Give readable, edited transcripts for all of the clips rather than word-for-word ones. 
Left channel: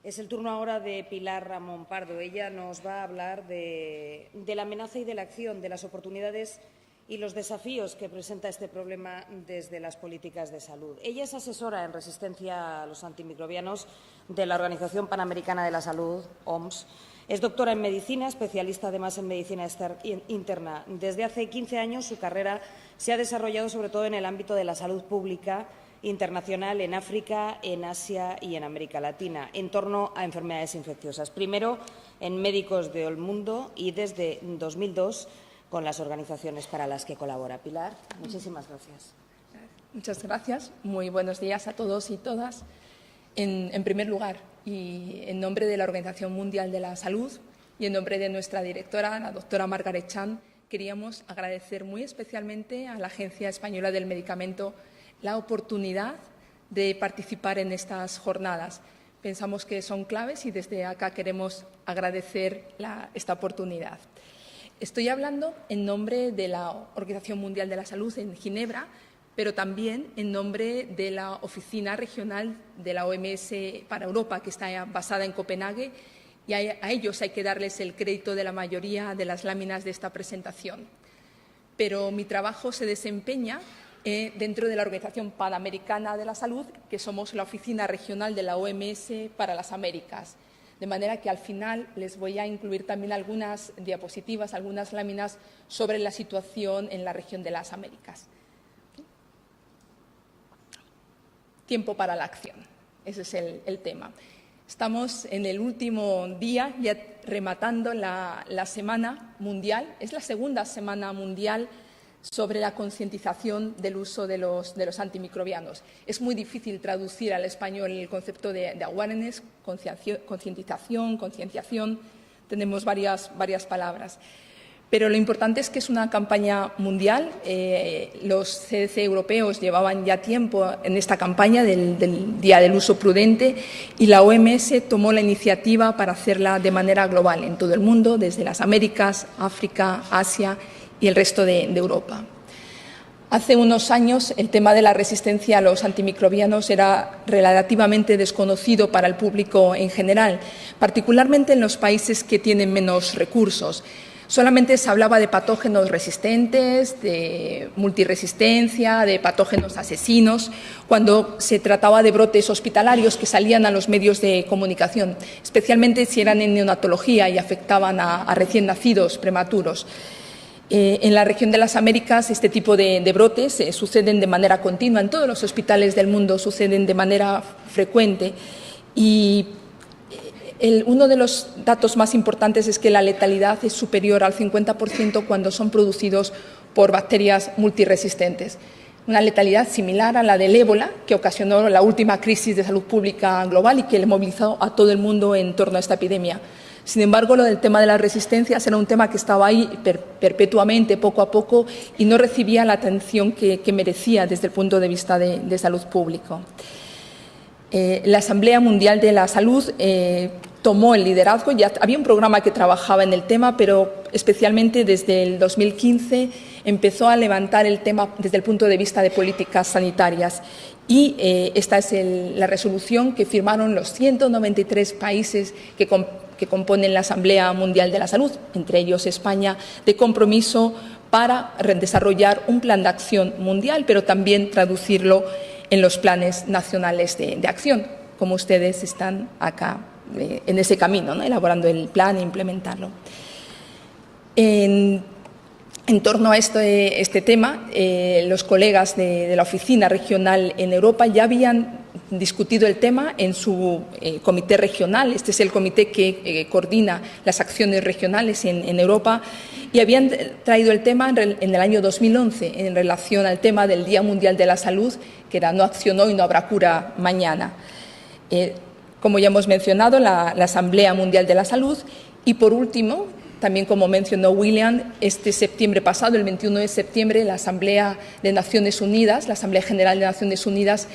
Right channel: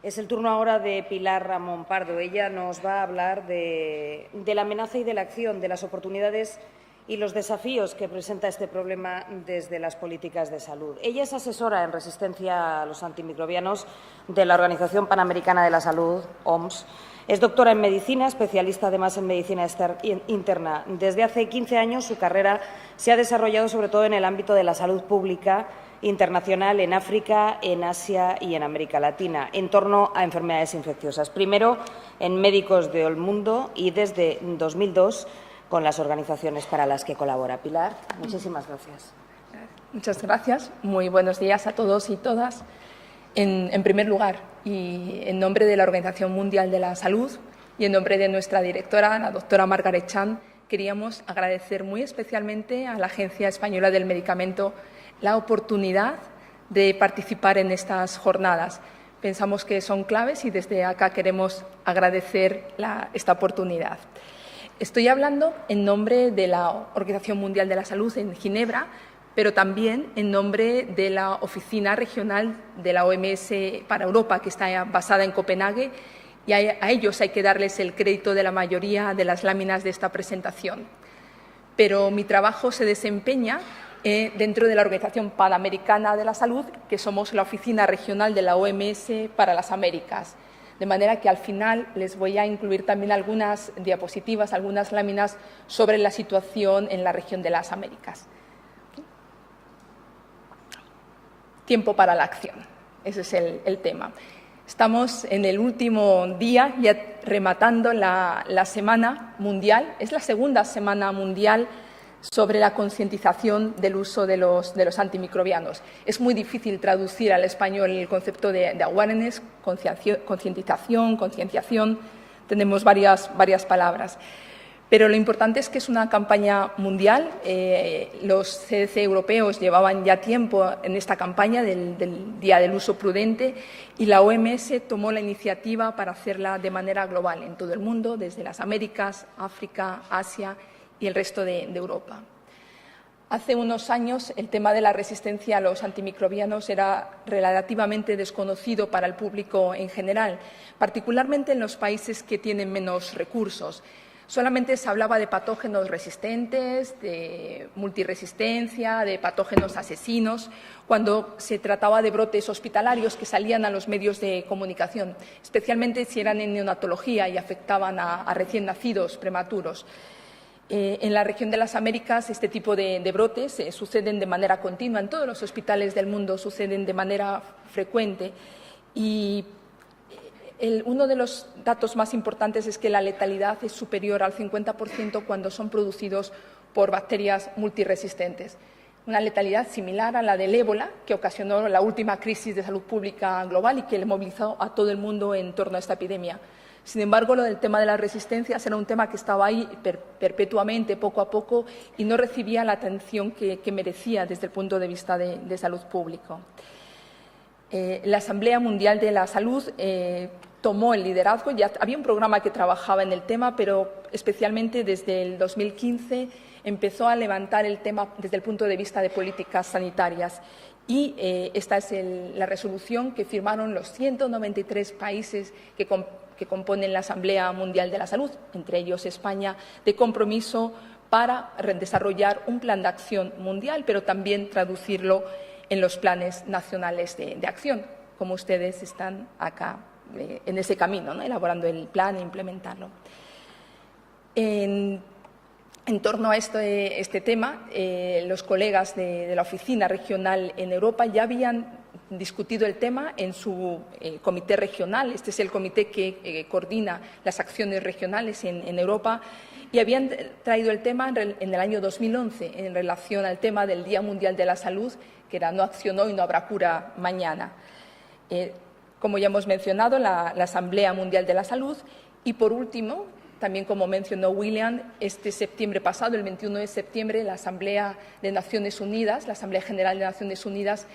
Es el turno ahora de Pilar Ramón Pardo. Ella nos va a hablar de la amenaza y de la acción, de las oportunidades y los desafíos que presenta este problema desde las políticas de salud. Ella es asesora en resistencia a los antimicrobianos de la Organización Panamericana de la Salud, OMS. Es doctora en medicina, especialista además en medicina interna. Desde hace 15 años su carrera se ha desarrollado sobre todo en el ámbito de la salud pública internacional en África, en Asia y en América Latina, en torno a enfermedades infecciosas. Primero en Médicos del Mundo y desde 2002 con las organizaciones para las que colabora. Pilar, muchísimas gracias. Muchas gracias. Muy buenos días a todos y todas. En primer lugar, y en nombre de la Organización Mundial de la Salud y en nombre de nuestra directora, la doctora Margaret Chan, queríamos agradecer muy especialmente a la Agencia Española del Medicamento la oportunidad de participar en estas jornadas. Pensamos que son claves y desde acá queremos agradecer esta oportunidad. Estoy hablando en nombre de la Organización Mundial de la Salud en Ginebra, pero también en nombre de la Oficina Regional de la OMS para Europa, que está basada en Copenhague, y a ellos hay que darles el crédito de la mayoría de las láminas de esta presentación. Pero mi trabajo se desempeña dentro de la Organización Panamericana de la Salud, que somos la Oficina Regional de la OMS para las Américas. De manera que al final les voy a incluir también algunas diapositivas, algunas láminas sobre la situación en la región de las Américas. Tiempo para la acción. Ese es el tema. Estamos en el último día, ya rematando la Semana Mundial. Es la segunda Semana Mundial sobre la concientización del uso de los antimicrobianos. Es muy difícil traducir al español el concepto de awareness, concientización, concienciación. Tenemos varias palabras. Pero lo importante es que es una campaña mundial. Los CDC europeos llevaban ya tiempo en esta campaña del Día del Uso Prudente y la OMS tomó la iniciativa para hacerla de manera global en todo el mundo, desde las Américas, África, Asia y el resto de Europa. Hace unos años el tema de la resistencia a los antimicrobianos era relativamente desconocido para el público en general, particularmente en los países que tienen menos recursos. Solamente se hablaba de patógenos resistentes, de multiresistencia, de patógenos asesinos, cuando se trataba de brotes hospitalarios que salían a los medios de comunicación, especialmente si eran en neonatología y afectaban a recién nacidos prematuros. En la región de las Américas este tipo de brotes suceden de manera continua. En todos los hospitales del mundo suceden de manera frecuente. Y uno de los datos más importantes es que la letalidad es superior al 50% cuando son producidos por bacterias multiresistentes. Una letalidad similar a la del ébola, que ocasionó la última crisis de salud pública global y que le movilizó a todo el mundo en torno a esta epidemia. Sin embargo, lo del tema de las resistencias era un tema que estaba ahí perpetuamente, poco a poco, y no recibía la atención que merecía desde el punto de vista de salud público. La Asamblea Mundial de la Salud tomó el liderazgo. Ya había un programa que trabajaba en el tema, pero especialmente desde el 2015 empezó a levantar el tema desde el punto de vista de políticas sanitarias. Y esta es la resolución que firmaron los 193 países que componen la Asamblea Mundial de la Salud, entre ellos España, de compromiso para desarrollar un plan de acción mundial, pero también traducirlo en los planes nacionales de acción, como ustedes están acá en ese camino, ¿no? Elaborando el plan e implementarlo. En torno a este tema, los colegas de la oficina regional en Europa ya habían discutido el tema en su comité regional. Este es el comité que coordina las acciones regionales en Europa, y habían traído el tema en el año 2011 en relación al tema del Día Mundial de la Salud, que era "No acción hoy, no habrá cura mañana". Como ya hemos mencionado, la Asamblea Mundial de la Salud. Y por último, también como mencionó William, este septiembre pasado, el 21 de septiembre, la Asamblea de Naciones Unidas, la Asamblea General de Naciones Unidas,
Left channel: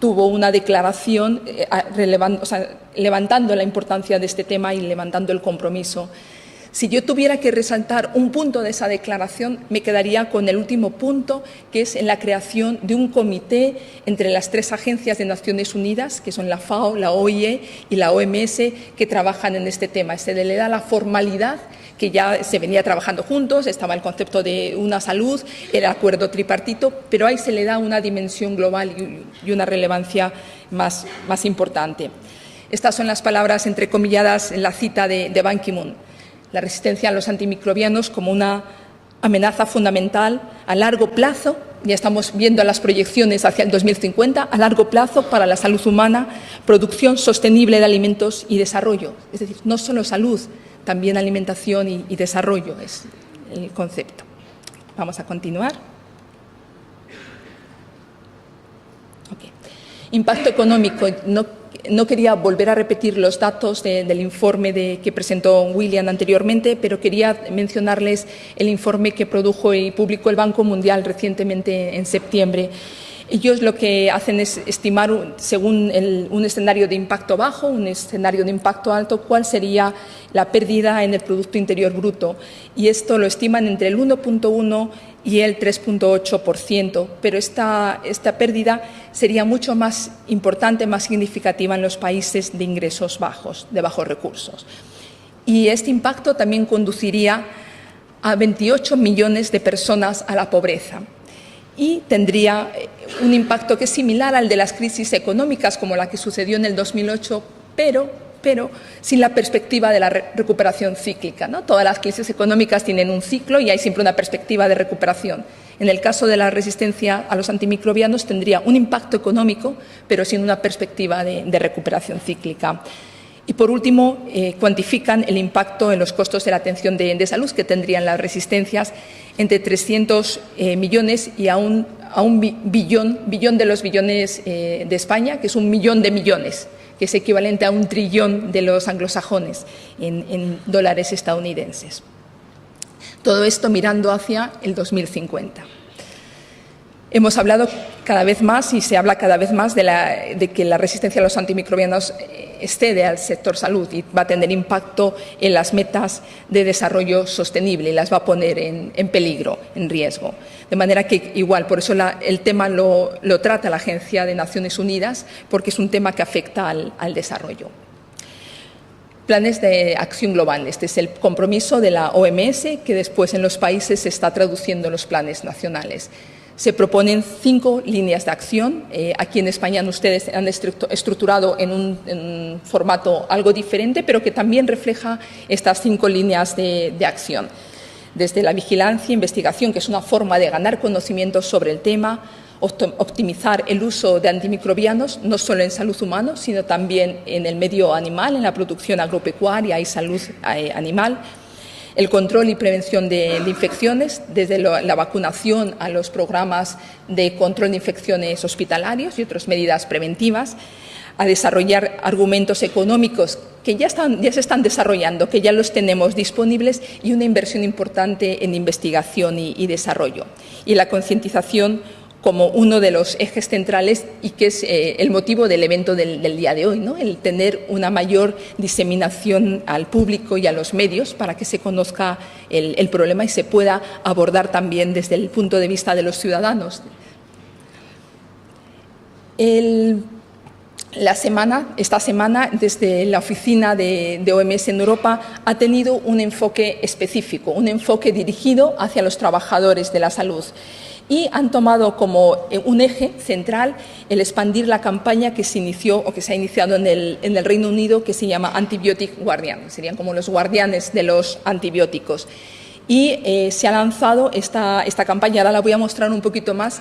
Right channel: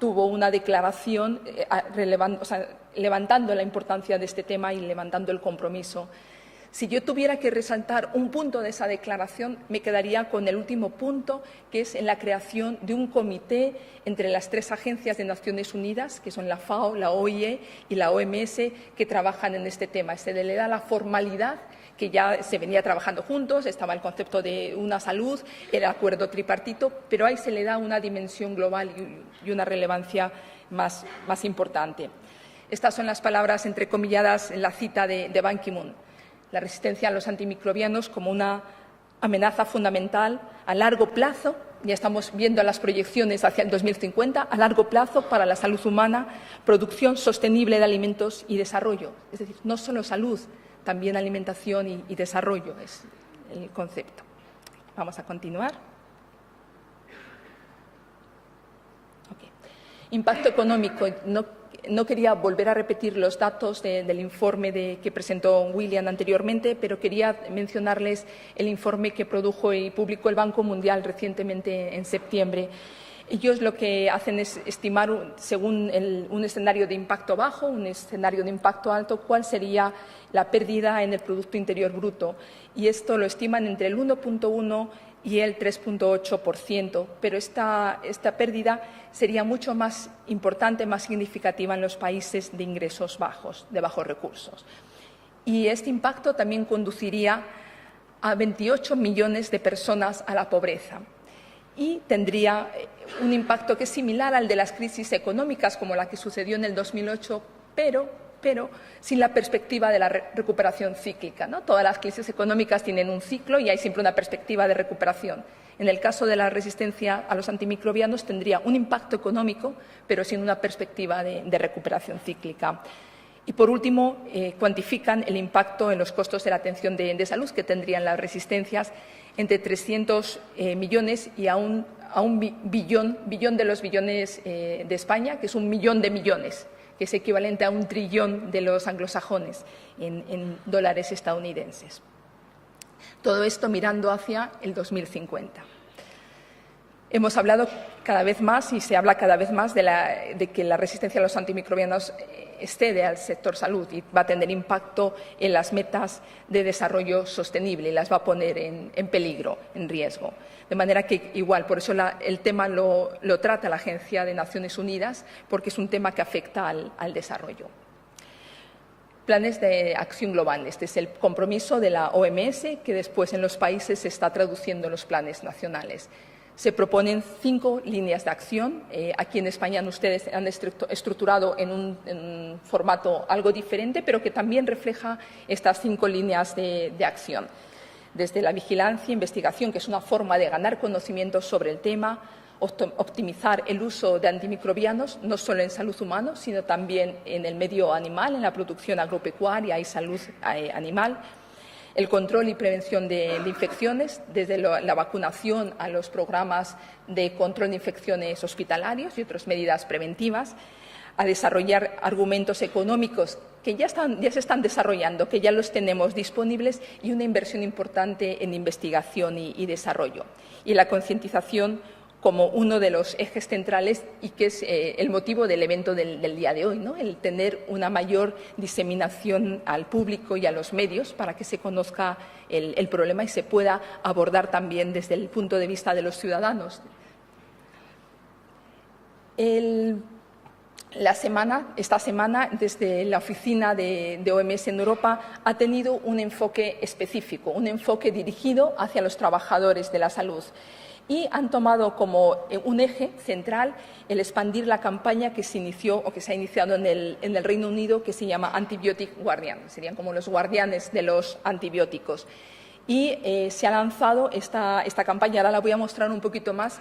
tuvo una declaración levantando la importancia de este tema y levantando el compromiso. Si yo tuviera que resaltar un punto de esa declaración, me quedaría con el último punto, que es en la creación de un comité entre las 3 agencias de Naciones Unidas, que son la FAO, la OIE y la OMS, que trabajan en este tema. Se le da la formalidad, que ya se venía trabajando juntos, estaba el concepto de una salud, el acuerdo tripartito, pero ahí se le da una dimensión global y una relevancia más importante. Estas son las palabras entrecomilladas en la cita de Ban Ki-moon. La resistencia a los antimicrobianos como una amenaza fundamental a largo plazo, ya estamos viendo las proyecciones hacia el 2050, a largo plazo para la salud humana, producción sostenible de alimentos y desarrollo. Es decir, no solo salud, también alimentación y desarrollo es el concepto. Vamos a continuar. Okay. Impacto económico. No quería volver a repetir los datos del informe que presentó William anteriormente, pero quería mencionarles el informe que produjo y publicó el Banco Mundial recientemente en septiembre. Ellos lo que hacen es estimar, según un escenario de impacto bajo, un escenario de impacto alto, cuál sería la pérdida en el Producto Interior Bruto. Y esto lo estiman entre el 1,1% y el 3,8%, pero esta pérdida sería mucho más importante, más significativa en los países de ingresos bajos, de bajos recursos. Y este impacto también conduciría a 28 millones de personas a la pobreza y tendría un impacto que es similar al de las crisis económicas como la que sucedió en el 2008, pero sin la perspectiva de la recuperación cíclica, ¿no? Todas las crisis económicas tienen un ciclo y hay siempre una perspectiva de recuperación. En el caso de la resistencia a los antimicrobianos tendría un impacto económico, pero sin una perspectiva de recuperación cíclica. Y, por último, cuantifican el impacto en los costos de la atención de salud que tendrían las resistencias entre 300 millones y a un billón de los billones de España, que es 1 millón de millones, que es equivalente a 1 trillón de los anglosajones en dólares estadounidenses. Todo esto mirando hacia el 2050. Hemos hablado cada vez más y se habla cada vez más de que la resistencia a los antimicrobianos excede al sector salud y va a tener impacto en las metas de desarrollo sostenible y las va a poner en peligro, en riesgo. De manera que igual, por eso el tema lo trata la Agencia de Naciones Unidas, porque es un tema que afecta al desarrollo. Planes de acción global. Este es el compromiso de la OMS que después en los países se está traduciendo en los planes nacionales. Se proponen 5 líneas de acción. Aquí en España ustedes han estructurado en un formato algo diferente, pero que también refleja estas 5 líneas de acción. Desde la vigilancia, investigación, que es una forma de ganar conocimientos sobre el tema, optimizar el uso de antimicrobianos, no solo en salud humana, sino también en el medio animal, en la producción agropecuaria y salud animal. El control y prevención de infecciones, desde la vacunación a los programas de control de infecciones hospitalarios y otras medidas preventivas, a desarrollar argumentos económicos que ya se están desarrollando, que ya los tenemos disponibles, y una inversión importante en investigación y desarrollo. Y la concientización como uno de los ejes centrales y que es el motivo del evento del día de hoy, ¿no? El tener una mayor diseminación al público y a los medios para que se conozca el problema y se pueda abordar también desde el punto de vista de los ciudadanos. Esta semana, desde la oficina de OMS en Europa, ha tenido un enfoque específico, un enfoque dirigido hacia los trabajadores de la salud. Y han tomado como un eje central el expandir la campaña que se inició o que se ha iniciado en el Reino Unido, que se llama Antibiotic Guardian. Serían como los guardianes de los antibióticos. Y se ha lanzado esta campaña, ahora la voy a mostrar un poquito más,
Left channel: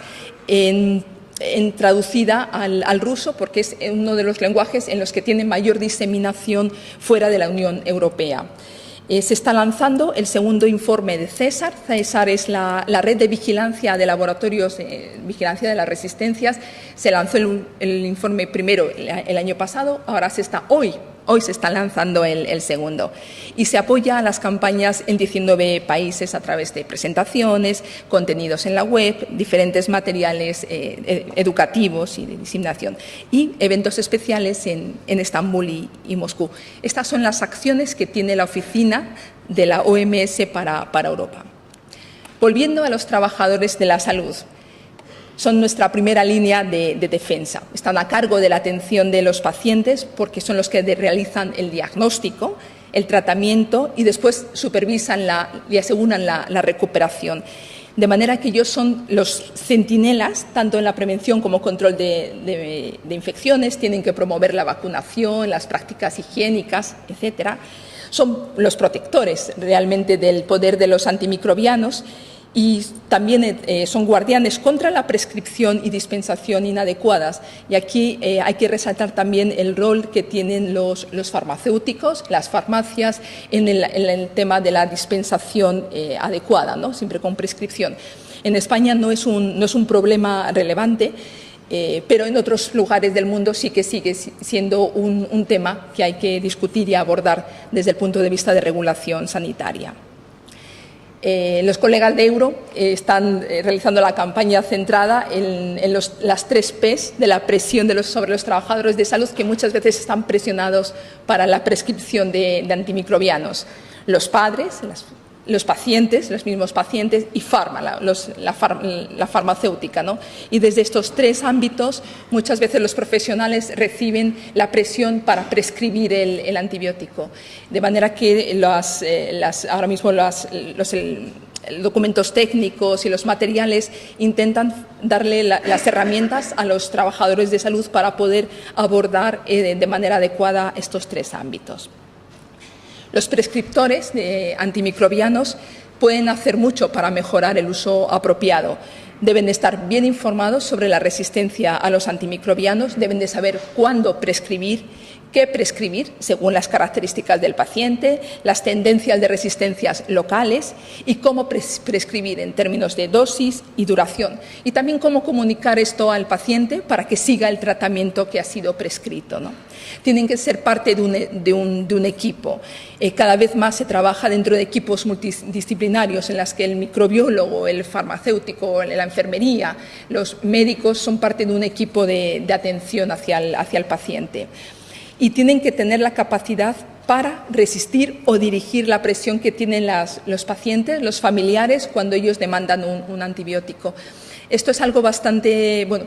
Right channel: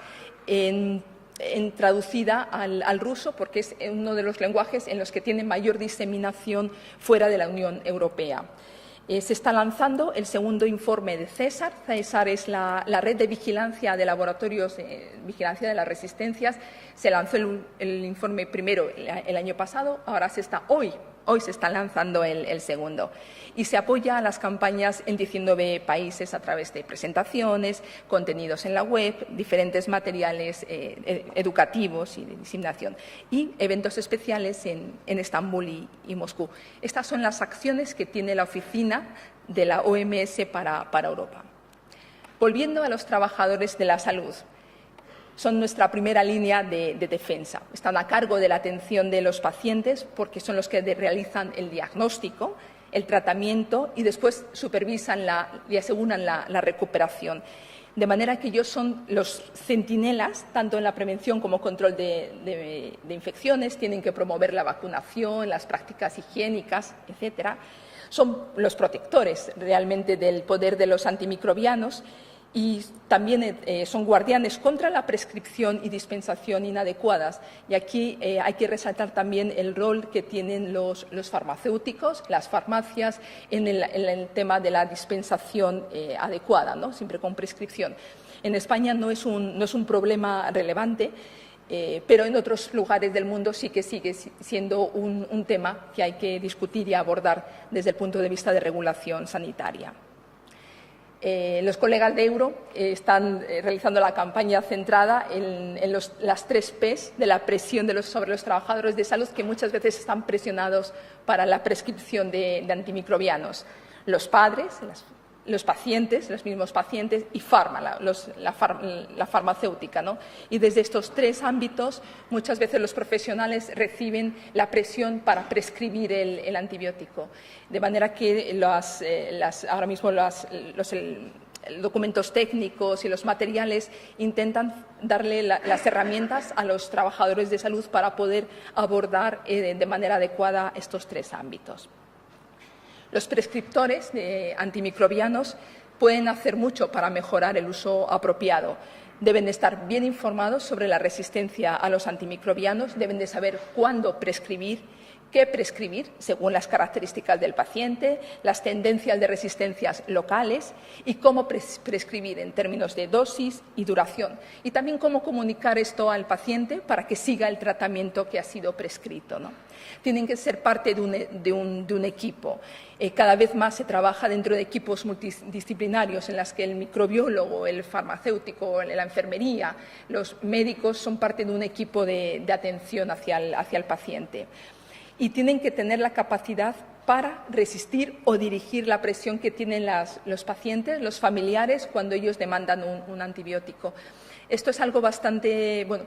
traducida al ruso, porque es uno de los lenguajes en los que tiene mayor diseminación fuera de la Unión Europea. Se está lanzando el segundo informe de CESAR. CESAR es la red de vigilancia de laboratorios de vigilancia de las resistencias. Se lanzó el informe primero el año pasado, ahora hoy se está lanzando el segundo. Y se apoya a las campañas en 19 países a través de presentaciones, contenidos en la web, diferentes materiales educativos y de diseminación, y eventos especiales en Estambul y Moscú. Estas son las acciones que tiene la oficina de la OMS para Europa. Volviendo a los trabajadores de la salud, son nuestra primera línea de defensa. Están a cargo de la atención de los pacientes porque son los que realizan el diagnóstico, el tratamiento y después supervisan y aseguran la recuperación. De manera que ellos son los centinelas, tanto en la prevención como control de infecciones, tienen que promover la vacunación, las prácticas higiénicas, etcétera. Son los protectores realmente del poder de los antimicrobianos y también son guardianes contra la prescripción y dispensación inadecuadas. Y aquí hay que resaltar también el rol que tienen los farmacéuticos, las farmacias, en el tema de la dispensación adecuada, ¿no? Siempre con prescripción. En España no es un problema relevante, pero en otros lugares del mundo sí que sigue siendo un tema que hay que discutir y abordar desde el punto de vista de regulación sanitaria. Los colegas de Euro están realizando la campaña centrada en las 3 P's de la presión sobre los trabajadores de salud, que muchas veces están presionados para la prescripción de antimicrobianos. Los padres, los pacientes, los mismos pacientes y la farmacéutica, ¿no? Y desde estos 3 ámbitos muchas veces los profesionales reciben la presión para prescribir el antibiótico. De manera que ahora mismo los documentos técnicos y los materiales intentan darle las herramientas a los trabajadores de salud para poder abordar de manera adecuada estos 3 ámbitos. Los prescriptores de antimicrobianos pueden hacer mucho para mejorar el uso apropiado. Deben de estar bien informados sobre la resistencia a los antimicrobianos, deben de saber cuándo prescribir, qué prescribir según las características del paciente, las tendencias de resistencias locales y cómo prescribir en términos de dosis y duración. Y también cómo comunicar esto al paciente para que siga el tratamiento que ha sido prescrito, ¿no? Tienen que ser parte de un equipo. Cada vez más se trabaja dentro de equipos multidisciplinarios en los que el microbiólogo, el farmacéutico, la enfermería, los médicos son parte de un equipo de atención hacia el paciente. Y tienen que tener la capacidad para resistir o dirigir la presión que tienen los pacientes, los familiares, cuando ellos demandan un antibiótico. Esto es algo bastante, bueno,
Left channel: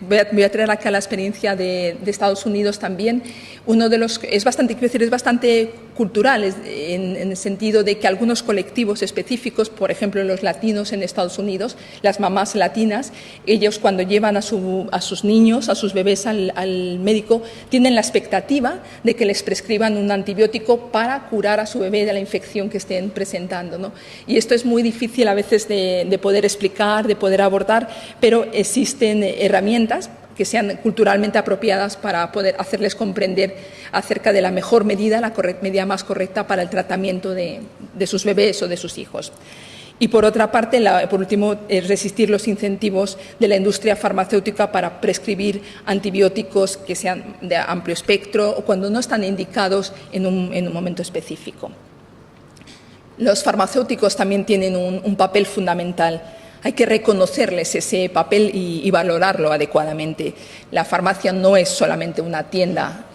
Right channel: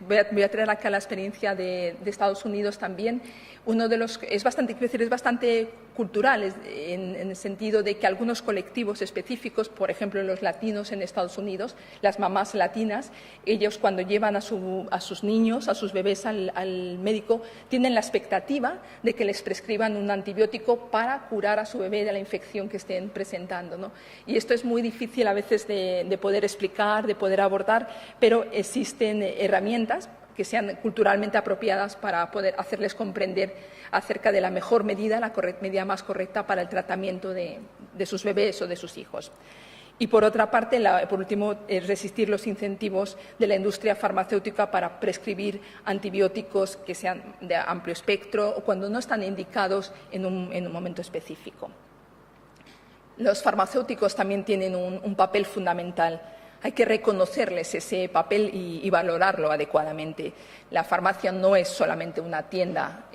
voy a traer acá la experiencia de Estados Unidos también. Es bastante cultural en el sentido de que algunos colectivos específicos, por ejemplo los latinos en Estados Unidos, las mamás latinas, ellos cuando llevan a sus niños, a sus bebés al médico, tienen la expectativa de que les prescriban un antibiótico para curar a su bebé de la infección que estén presentando, ¿no? Y esto es muy difícil a veces de poder explicar, de poder abordar, pero existen herramientas que sean culturalmente apropiadas para poder hacerles comprender acerca de la mejor medida, la medida más correcta para el tratamiento de sus bebés o de sus hijos. Y por otra parte, por último, resistir los incentivos de la industria farmacéutica para prescribir antibióticos que sean de amplio espectro o cuando no están indicados en un momento específico. Los farmacéuticos también tienen un papel fundamental. Hay que reconocerles ese papel y valorarlo adecuadamente. La farmacia no es solamente una tienda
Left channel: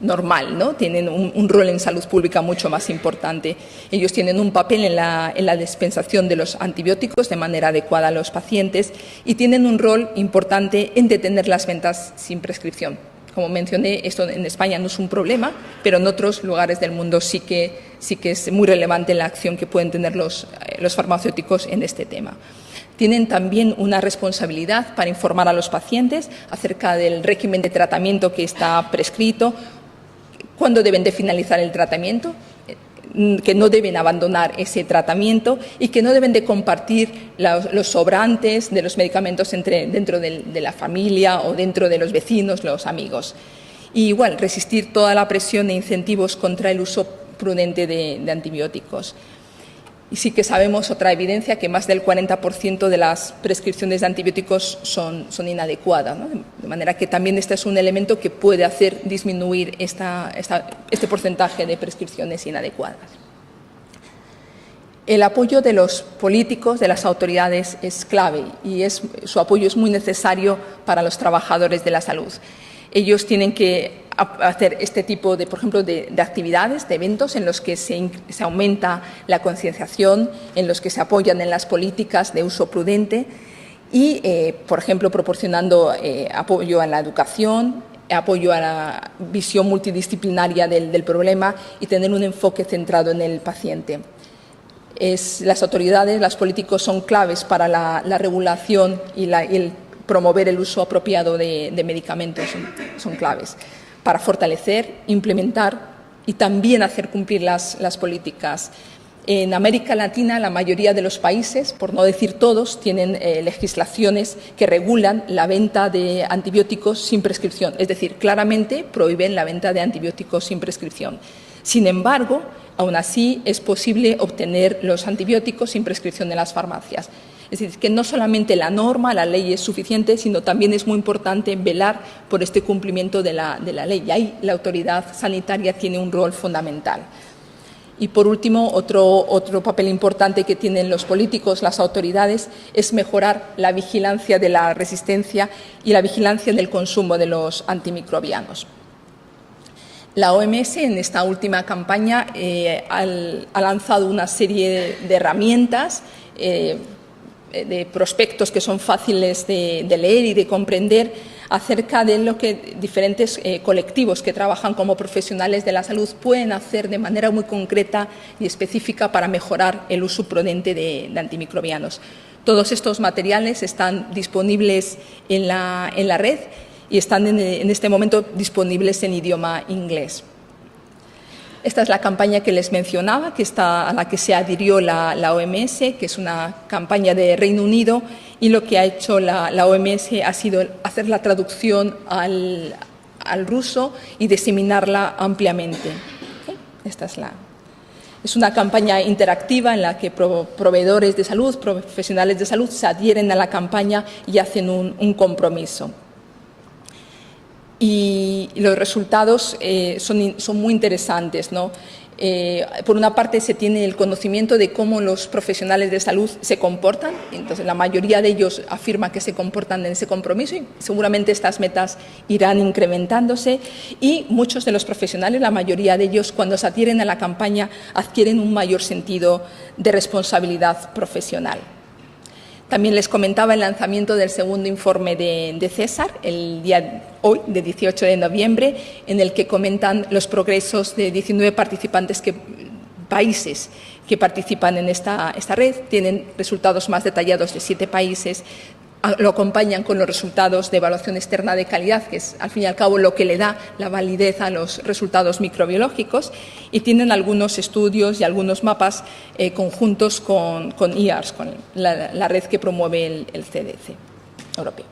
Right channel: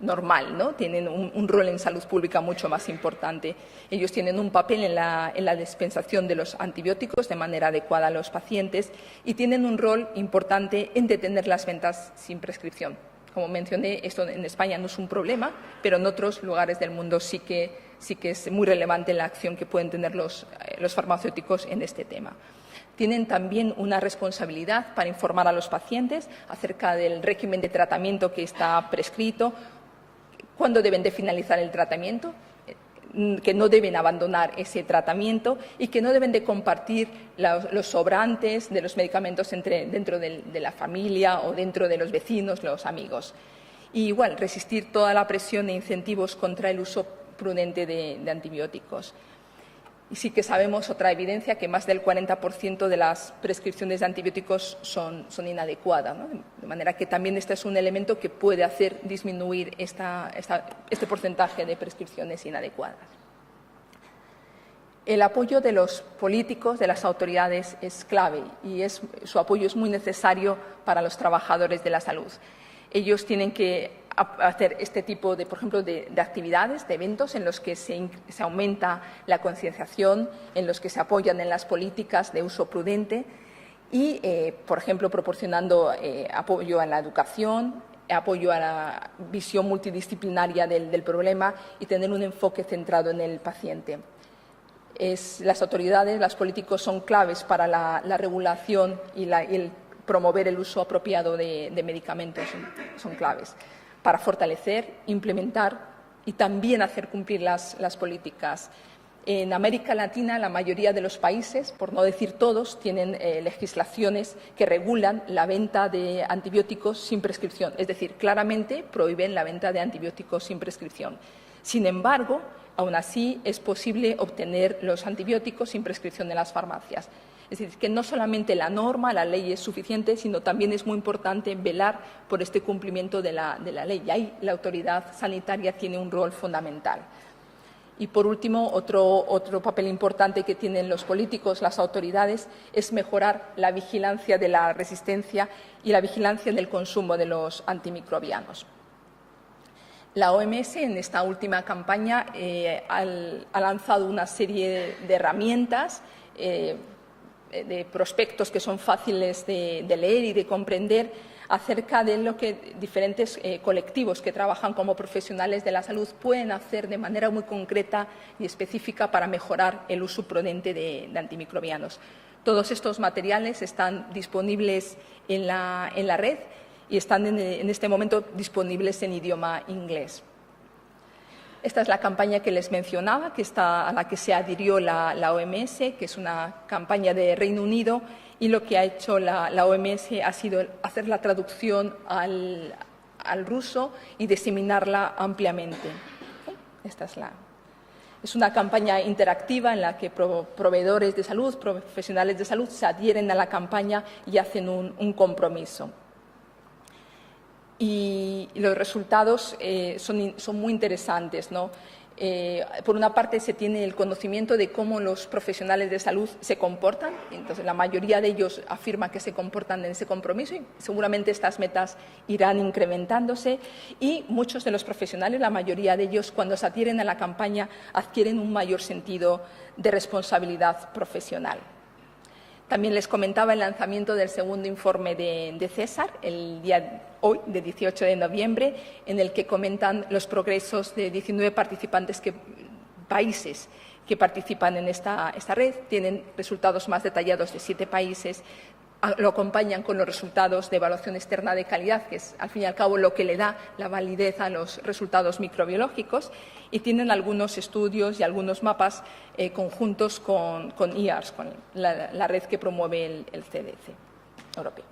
normal, ¿no? Tienen un rol en salud pública mucho más importante. Ellos tienen un papel en la dispensación de los antibióticos de manera adecuada a los pacientes y tienen un rol importante en detener las ventas sin prescripción. Como mencioné, esto en España no es un problema, pero en otros lugares del mundo sí que es muy relevante la acción que pueden tener los farmacéuticos en este tema. Tienen también una responsabilidad para informar a los pacientes acerca del régimen de tratamiento que está prescrito, cuándo deben de finalizar el tratamiento, que no deben abandonar ese tratamiento y que no deben de compartir los sobrantes de los medicamentos dentro de la familia o dentro de los vecinos, los amigos. Y igual, resistir toda la presión e incentivos contra el uso prudente de antibióticos. Y sí que sabemos otra evidencia que más del 40% de las prescripciones de antibióticos son inadecuadas, ¿no? De manera que también este es un elemento que puede hacer disminuir este porcentaje de prescripciones inadecuadas. El apoyo de los políticos, de las autoridades, es clave y su apoyo es muy necesario para los trabajadores de la salud. ellos tienen que hacer este tipo de, por ejemplo, de actividades, de eventos en los que se aumenta la concienciación, en los que se apoyan en las políticas de uso prudente y, por ejemplo, proporcionando apoyo a la educación, apoyo a la visión multidisciplinaria del problema y tener un enfoque centrado en el paciente. Las autoridades, los políticos son claves para la regulación y el promover el uso apropiado de medicamentos, son claves para fortalecer, implementar y también hacer cumplir las políticas. En América Latina, la mayoría de los países, por no decir todos, tienen legislaciones que regulan la venta de antibióticos sin prescripción, es decir, claramente prohíben la venta de antibióticos sin prescripción. Sin embargo, aún así es posible obtener los antibióticos sin prescripción en las farmacias. Es decir, que no solamente la norma, la ley es suficiente, sino también es muy importante velar por este cumplimiento de la ley. Y ahí la autoridad sanitaria tiene un rol fundamental. Y, por último, otro papel importante que tienen los políticos, las autoridades, es mejorar la vigilancia de la resistencia y la vigilancia del consumo de los antimicrobianos. La OMS, en esta última campaña, ha lanzado una serie de herramientas, de prospectos que son fáciles de leer y de comprender acerca de lo que diferentes colectivos que trabajan como profesionales de la salud pueden hacer de manera muy concreta y específica para mejorar el uso prudente de antimicrobianos. Todos estos materiales están disponibles en la red y están en este momento disponibles en idioma inglés. Esta es la campaña que les mencionaba, a la que se adhirió la OMS, que es una campaña de Reino Unido, y lo que ha hecho la OMS ha sido hacer la traducción al ruso y diseminarla ampliamente. Es una campaña interactiva en la que proveedores de salud, profesionales de salud, se adhieren a la campaña y hacen un compromiso. Y los resultados son muy interesantes, ¿no? Por una parte, se tiene el conocimiento de cómo los profesionales de salud se comportan. Entonces, la mayoría de ellos afirma que se comportan en ese compromiso y seguramente estas metas irán incrementándose. Y muchos de los profesionales, la mayoría de ellos, cuando se adhieren a la campaña, adquieren un mayor sentido de responsabilidad profesional. También les comentaba el lanzamiento del segundo informe de César, el día hoy, de 18 de noviembre, en el que comentan los progresos de 19 países que participan en esta red. Tienen resultados más detallados de 7 países. Lo acompañan con los resultados de evaluación externa de calidad, que es, al fin y al cabo, lo que le da la validez a los resultados microbiológicos, y tienen algunos estudios y algunos mapas conjuntos con IARS, con la red que promueve el CDC europeo.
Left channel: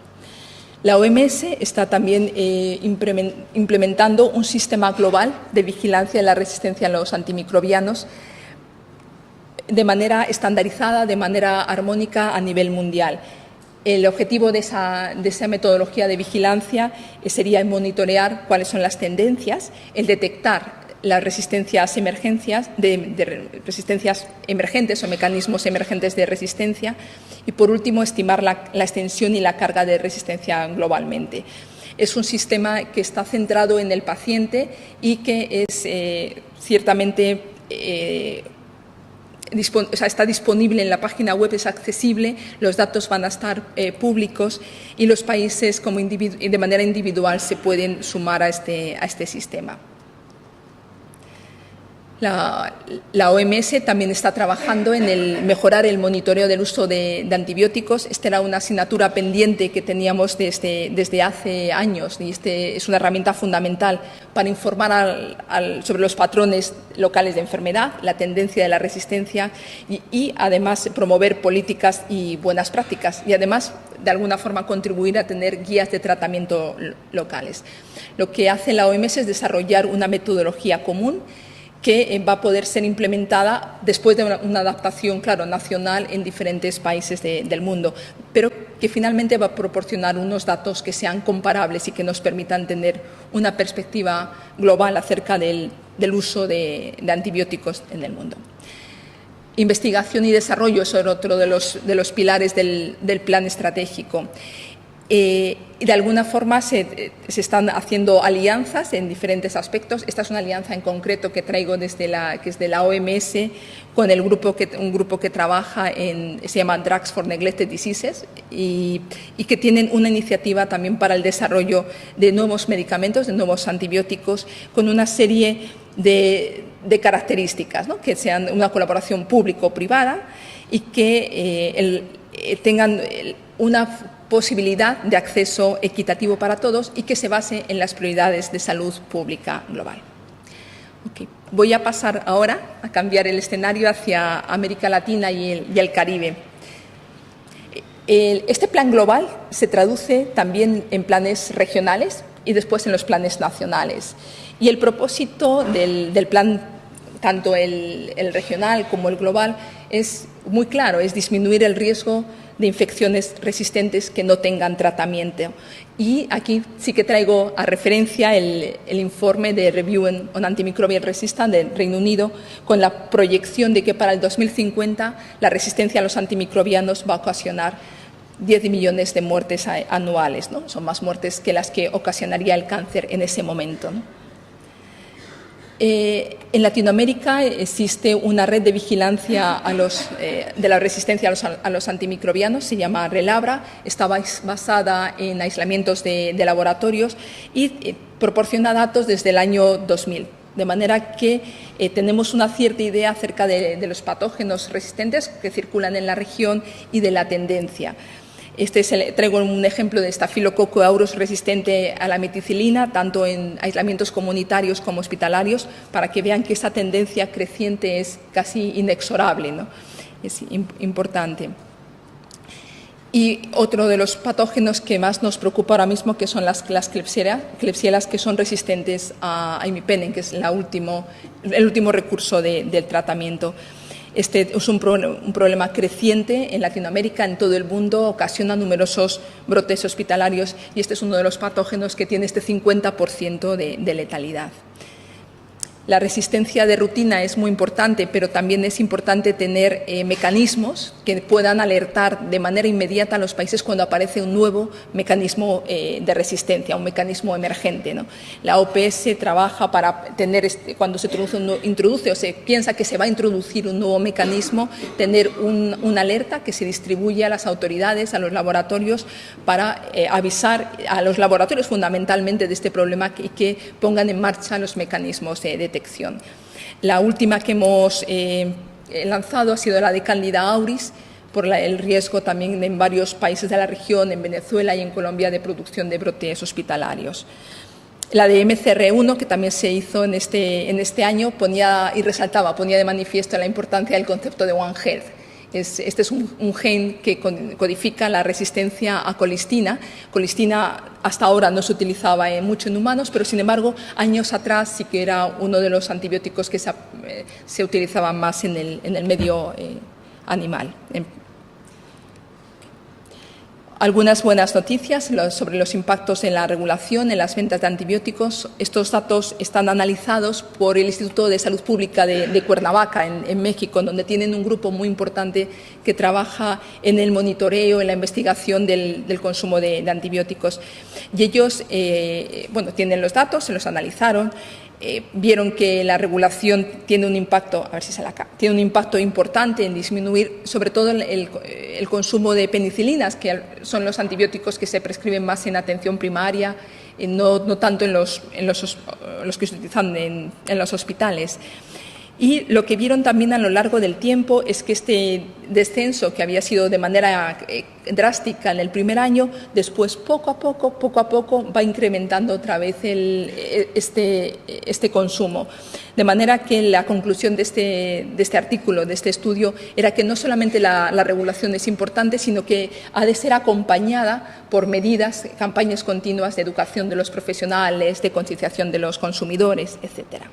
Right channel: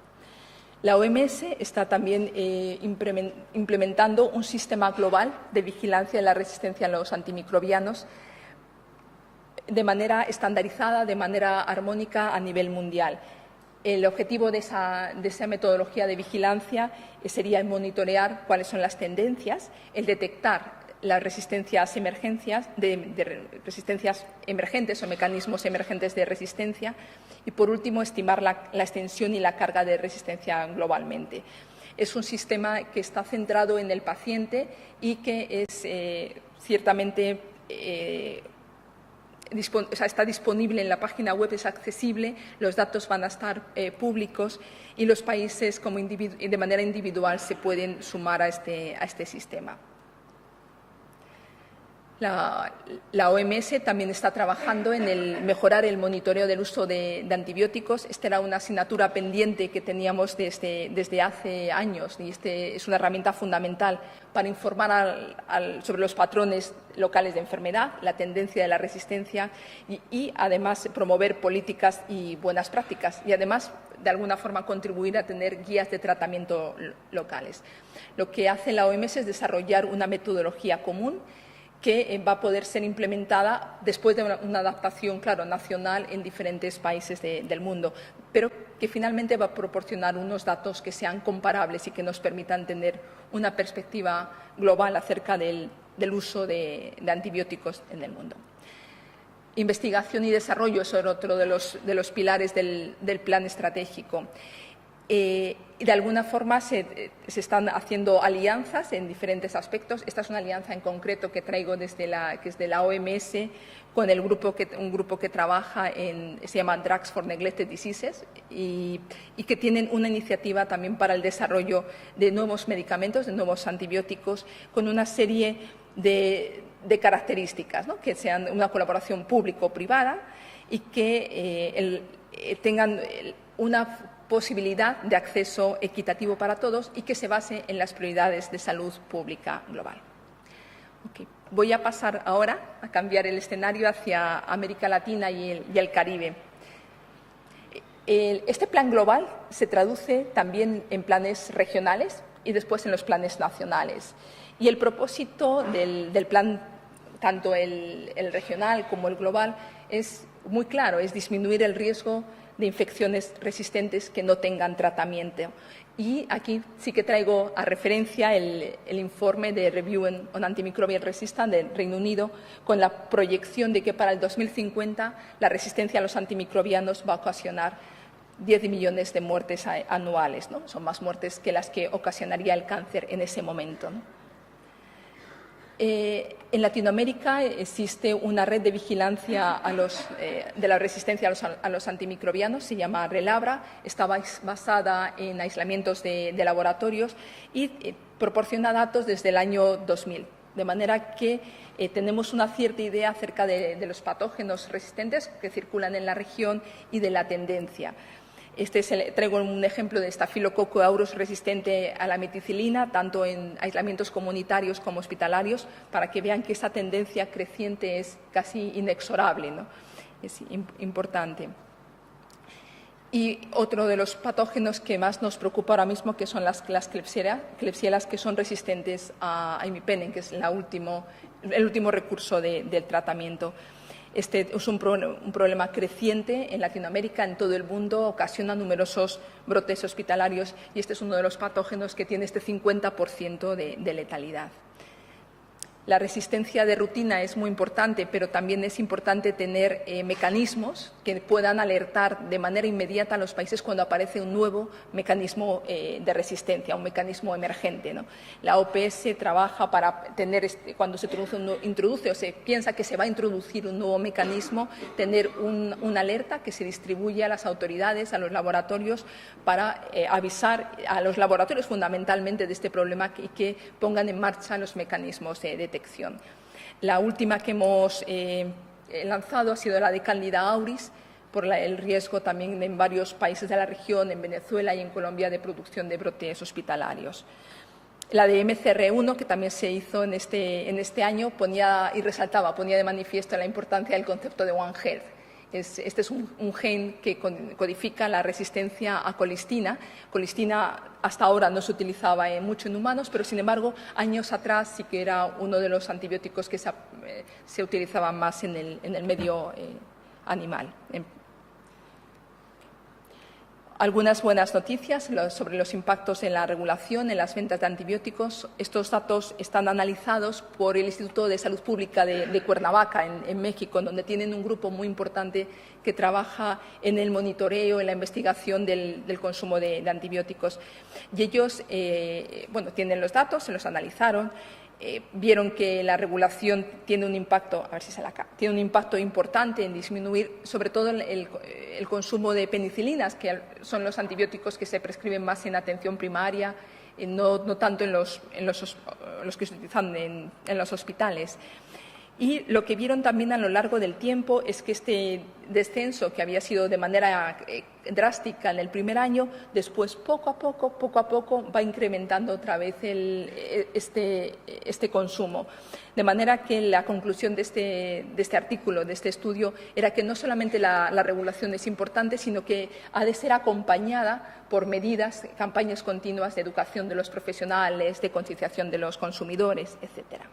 La OMS está también implementando un sistema global de vigilancia de la resistencia a los antimicrobianos de manera estandarizada, de manera armónica a nivel mundial. El objetivo de esa metodología de vigilancia sería monitorear cuáles son las tendencias, el detectar las resistencias resistencias emergentes o mecanismos emergentes de resistencia y, por último, estimar la extensión y la carga de resistencia globalmente. Es un sistema que está centrado en el paciente y que es ciertamente está disponible en la página web, es accesible, los datos van a estar públicos y los países de manera individual se pueden sumar a este sistema. La OMS también está trabajando en mejorar el monitoreo del uso de antibióticos. Esta era una asignatura pendiente que teníamos desde hace años y es una herramienta fundamental para informar sobre los patrones locales de enfermedad, la tendencia de la resistencia y además promover políticas y buenas prácticas y además de alguna forma contribuir a tener guías de tratamiento locales. Lo que hace la OMS es desarrollar una metodología común que va a poder ser implementada después de una adaptación, claro, nacional en diferentes países del mundo, pero que finalmente va a proporcionar unos datos que sean comparables y que nos permitan tener una perspectiva global acerca del uso de antibióticos en el mundo. Investigación y desarrollo son otro de los pilares del plan estratégico. y de alguna forma se están haciendo alianzas en diferentes aspectos. Esta es una alianza en concreto que traigo que es de la OMS, con un grupo que trabaja se llama Drugs for Neglected Diseases y que tienen una iniciativa también para el desarrollo de nuevos medicamentos, de nuevos antibióticos, con una serie de características, ¿no? Que sean una colaboración público-privada y que tengan una posibilidad de acceso equitativo para todos y que se base en las prioridades de salud pública global. Okay. Voy a pasar ahora a cambiar el escenario hacia América Latina y el Caribe. Este plan global se traduce también en planes regionales y después en los planes nacionales. Y el propósito del plan, tanto el regional como el global, es muy claro, es disminuir el riesgo de infecciones resistentes que no tengan tratamiento. Y aquí sí que traigo a referencia el informe de Review on Antimicrobial Resistance del Reino Unido, con la proyección de que para el 2050 la resistencia a los antimicrobianos va a ocasionar 10 millones de muertes anuales, ¿no? Son más muertes que las que ocasionaría el cáncer en ese momento, ¿no? En Latinoamérica existe una red de vigilancia de la resistencia a los antimicrobianos, se llama RELABRA, está basada en aislamientos de laboratorios y proporciona datos desde el año 2000. De manera que tenemos una cierta idea acerca de los patógenos resistentes que circulan en la región y de la tendencia. Traigo un ejemplo de Staphylococcus aureus resistente a la meticilina, tanto en aislamientos comunitarios como hospitalarios, para que vean que esta tendencia creciente es casi inexorable, ¿no? Es importante. Y otro de los patógenos que más nos preocupa ahora mismo, que son las Klebsiella, que son resistentes a imipenem, que es el último recurso del tratamiento. Este es un problema creciente en Latinoamérica, en todo el mundo, ocasiona numerosos brotes hospitalarios y este es uno de los patógenos que tiene este 50% de letalidad. La resistencia de rutina es muy importante, pero también es importante tener mecanismos que puedan alertar de manera inmediata a los países cuando aparece un nuevo mecanismo de resistencia, un mecanismo emergente, ¿no? La OPS trabaja para tener, cuando se introduce o se piensa que se va a introducir un nuevo mecanismo, tener una alerta que se distribuye a las autoridades, a los laboratorios, para avisar a los laboratorios fundamentalmente de este problema y que pongan en marcha los mecanismos de detección. La última que hemos lanzado ha sido la de Candida auris, por el riesgo también en varios países de la región, en Venezuela y en Colombia, de producción de brotes hospitalarios. La de MCR1, que también se hizo en este año, ponía de manifiesto la importancia del concepto de One Health. Este es un gen que codifica la resistencia a colistina. Colistina hasta ahora no se utilizaba mucho en humanos, pero sin embargo años atrás sí que era uno de los antibióticos que se utilizaba más en el medio animal. Algunas buenas noticias sobre los impactos en la regulación, en las ventas de antibióticos. Estos datos están analizados por el Instituto de Salud Pública de Cuernavaca, en México, donde tienen un grupo muy importante que trabaja en el monitoreo, en la investigación del consumo de antibióticos. Y ellos tienen los datos, se los analizaron. Vieron que la regulación tiene un impacto, tiene un impacto importante en disminuir sobre todo el consumo de penicilinas, que son los antibióticos que se prescriben más en atención primaria, no tanto en los que se utilizan en los hospitales. Y lo que vieron también a lo largo del tiempo es que este descenso, que había sido de manera drástica en el primer año, después poco a poco va incrementando otra vez este consumo. De manera que la conclusión de este artículo, de este estudio, era que no solamente la regulación es importante, sino que ha de ser acompañada por medidas, campañas continuas de educación de los profesionales, de concienciación de los consumidores, etcétera.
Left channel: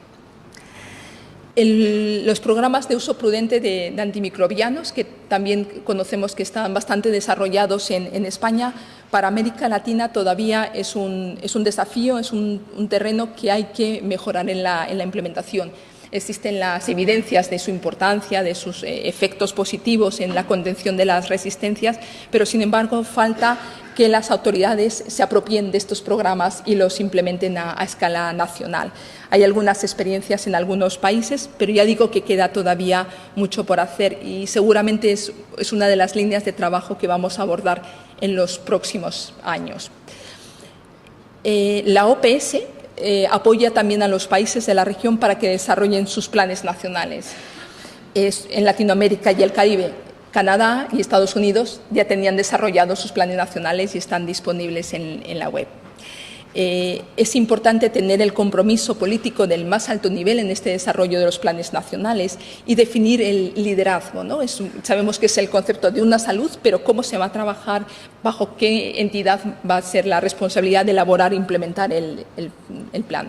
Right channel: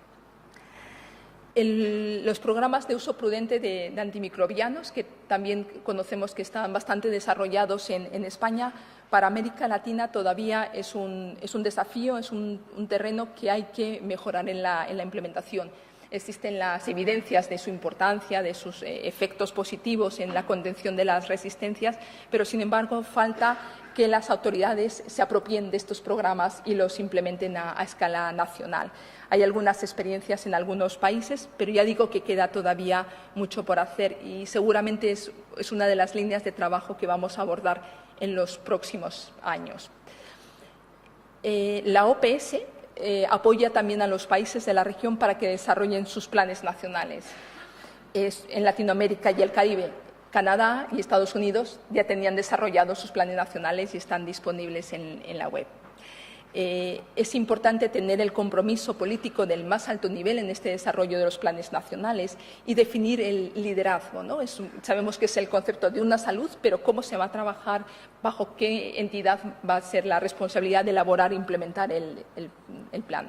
Los programas de uso prudente de antimicrobianos, que también conocemos que están bastante desarrollados en España, para América Latina todavía es un desafío, es un terreno que hay que mejorar en la implementación. Existen las evidencias de su importancia, de sus efectos positivos en la contención de las resistencias, pero sin embargo falta que las autoridades se apropien de estos programas y los implementen a escala nacional. Hay algunas experiencias en algunos países, pero ya digo que queda todavía mucho por hacer y seguramente es una de las líneas de trabajo que vamos a abordar en los próximos años. La OPS apoya también a los países de la región para que desarrollen sus planes nacionales. En Latinoamérica y el Caribe, Canadá y Estados Unidos ya tenían desarrollado sus planes nacionales y están disponibles en la web. Es importante tener el compromiso político del más alto nivel en este desarrollo de los planes nacionales y definir el liderazgo, ¿no? Sabemos que es el concepto de una salud, pero cómo se va a trabajar, bajo qué entidad va a ser la responsabilidad de elaborar e implementar el plan.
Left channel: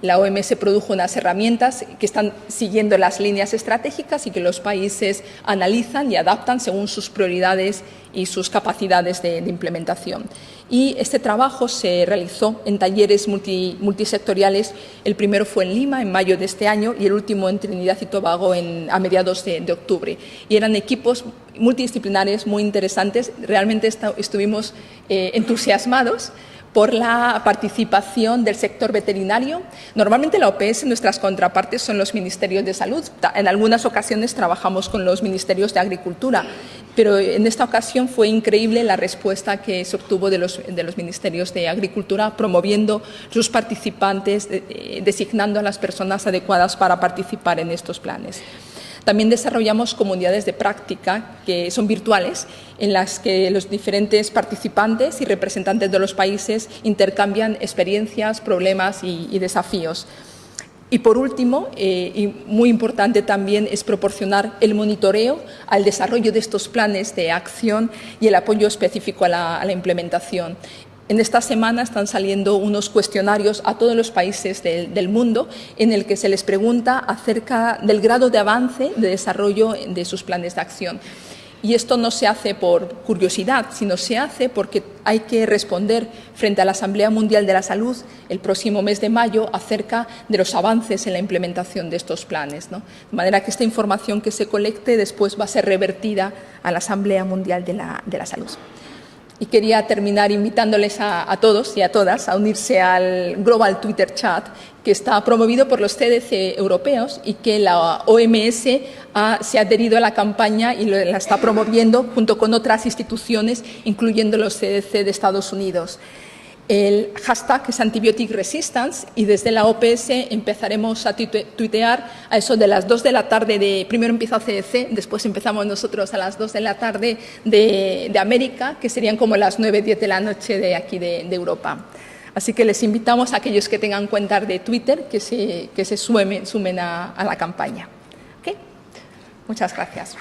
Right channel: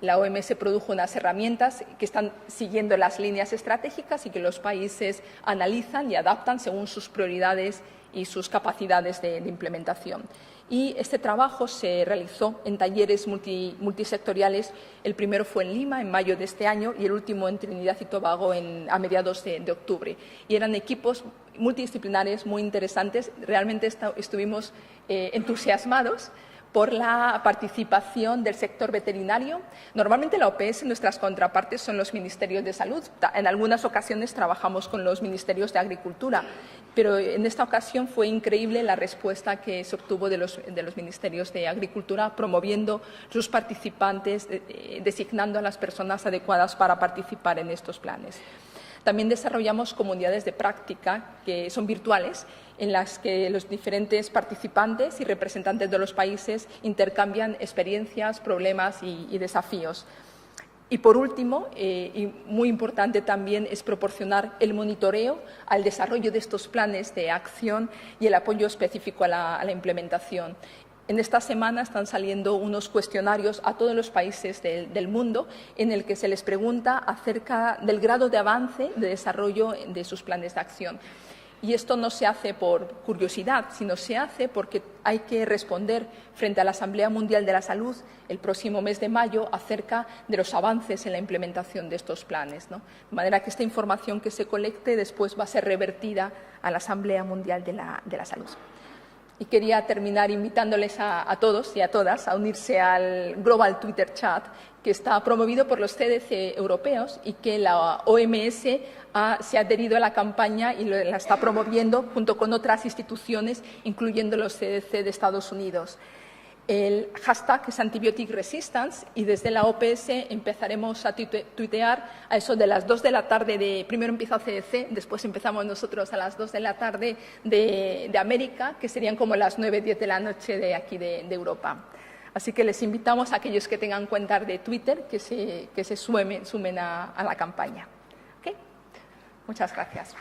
La OMS produjo unas herramientas que están siguiendo las líneas estratégicas y que los países analizan y adaptan según sus prioridades y sus capacidades de implementación. Y este trabajo se realizó en talleres multisectoriales. El primero fue en Lima, en mayo de este año, y el último en Trinidad y Tobago a mediados de octubre. Y eran equipos multidisciplinares muy interesantes. Realmente estuvimos entusiasmados por la participación del sector veterinario. Normalmente la OPS, nuestras contrapartes son los ministerios de salud. En algunas ocasiones trabajamos con los ministerios de agricultura, pero en esta ocasión fue increíble la respuesta que se obtuvo de los ministerios de agricultura, promoviendo sus participantes, designando a las personas adecuadas para participar en estos planes. También desarrollamos comunidades de práctica que son virtuales, en las que los diferentes participantes y representantes de los países intercambian experiencias, problemas y desafíos. Y por último, y muy importante también, es proporcionar el monitoreo al desarrollo de estos planes de acción y el apoyo específico a la implementación. En esta semana están saliendo unos cuestionarios a todos los países del mundo en el que se les pregunta acerca del grado de avance de desarrollo de sus planes de acción. Y esto no se hace por curiosidad, sino se hace porque hay que responder frente a la Asamblea Mundial de la Salud el próximo mes de mayo acerca de los avances en la implementación de estos planes, ¿no? De manera que esta información que se colecte después va a ser revertida a la Asamblea Mundial de la Salud. Y quería terminar invitándoles a todos y a todas a unirse al Global Twitter Chat, que está promovido por los CDC europeos y que la OMS se ha adherido a la campaña y la está promoviendo junto con otras instituciones, incluyendo los CDC de Estados Unidos. El hashtag es Antibiotic Resistance y desde la OPS empezaremos a tuitear a eso de las 2 de la tarde. Primero empieza CDC, después empezamos nosotros a las 2 de la tarde de América, que serían como las 9, 10 de la noche de aquí de Europa. Así que les invitamos a aquellos que tengan cuentas de Twitter que se sumen a la campaña. ¿Okay? Muchas gracias.